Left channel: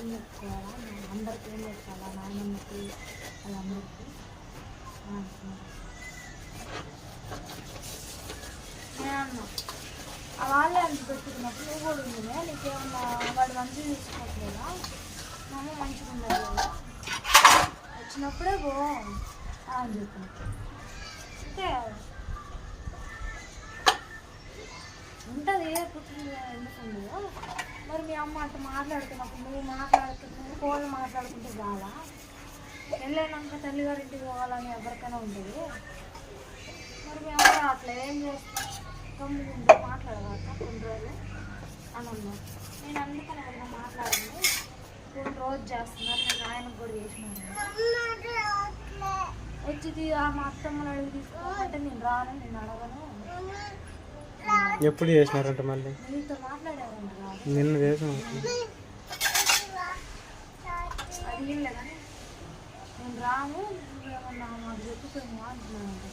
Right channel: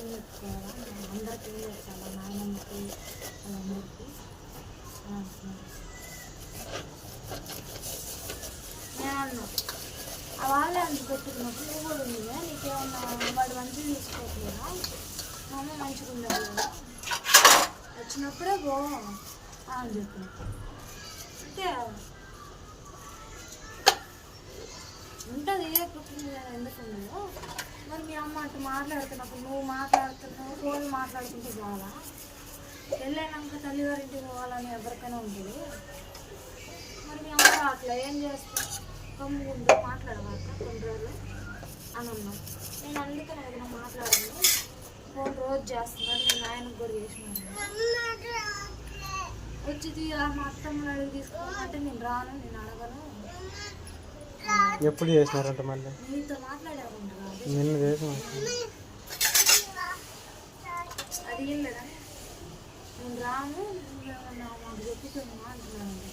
ఏం చెప్పుకోవాలా, అందరికి ఏం చెప్పాలా, నాయనమ్మకి వాళ్ళందరికీ అంటున్నారు. నేను అన్నా వాళ్ళే అంత పెట్టుకున్నప్పుడు నువ్వు కూడా ఉందిలే, నీకేమన్నా వాడు మంచిగా తీసుకోవట్లేదా, మా అమ్మ మంచిగా ఉండదు కదా, వచ్చినప్పుడే పో అని చెప్పిన. అంతే ఉంటుంది పుట్టింది కదా, ఎందుకు ఉండదు. మరి మీ అమ్మ అట్లా మాట్లాడుతున్నప్పుడు నువ్వు మాట్లాడుతున్నావు, ఫోన్ మాట్లాడుకుంటే చాలా పెళ్ళైనాక తల్లిగారింటికి పోవాలని ఎవరికైనా ఉంటుంది. మరి మీ అమ్మ అట్లా ఏం చేస్తా కమ్ముకుంటూ మాట్లాడవాక కొన్ని రోజులు అని అన్నావు. నేను అందుకని ఏదైనా మాట్లాడండి, ఫోన్ రోజు చేస్తున్నాను, నేను ఆయనకు కూడా చేసినాను. వచ్చి మా అత్తమ్మని అడిగి తీసుకోవాలంటే నేను రాను, నేను అడగను. ఎప్పుడు చేసినారంట మళ్ళీ నీతో మాట్లాడారంట నిన్న చేసిన అది ఏం లేదని నేను రాను, నువ్వేమన్నా మాకు చెప్పుకోమా అంటున్నానంట.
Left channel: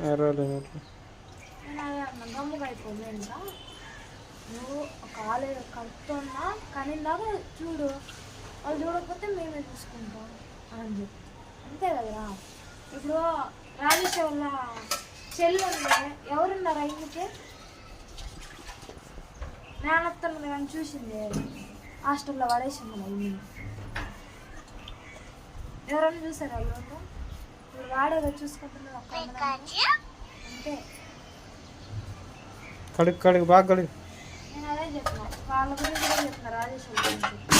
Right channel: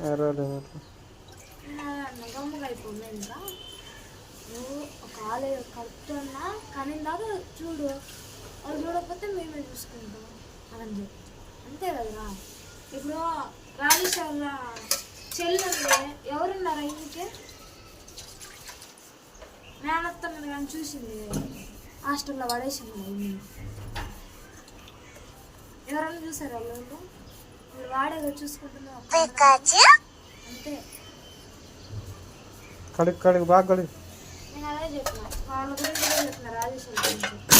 నేను అదే అన్నా గమ్ముగా అయిపోయింది. ఇంకా నువ్వు కాలేజ్ కడుపుతున్నా కానీ దాకా చూడు, వాళ్ళు చూడకపోతే మేమే చూసుకుంటాం అని చెప్పి అంతే కదరా. ఇప్పుడు రాజేష్ వాళ్ళ చెల్లుంది, ఎవరున్నారా ఇందుకే నానత్తమ్మది కానీ చూసింది హాస్టల్లో పడేసింది ఇల్లు. ఎవరన్నా చూసారు వాళ్ళు? ఇప్పుడు వాడేగా చూసుకుంటున్నా అంతే. కడుగు బాగా కడుగు. నేను అదే చెప్పిన, వాళ్ళ గురించి కూడా చెప్పిన రాజేష్ గురించి.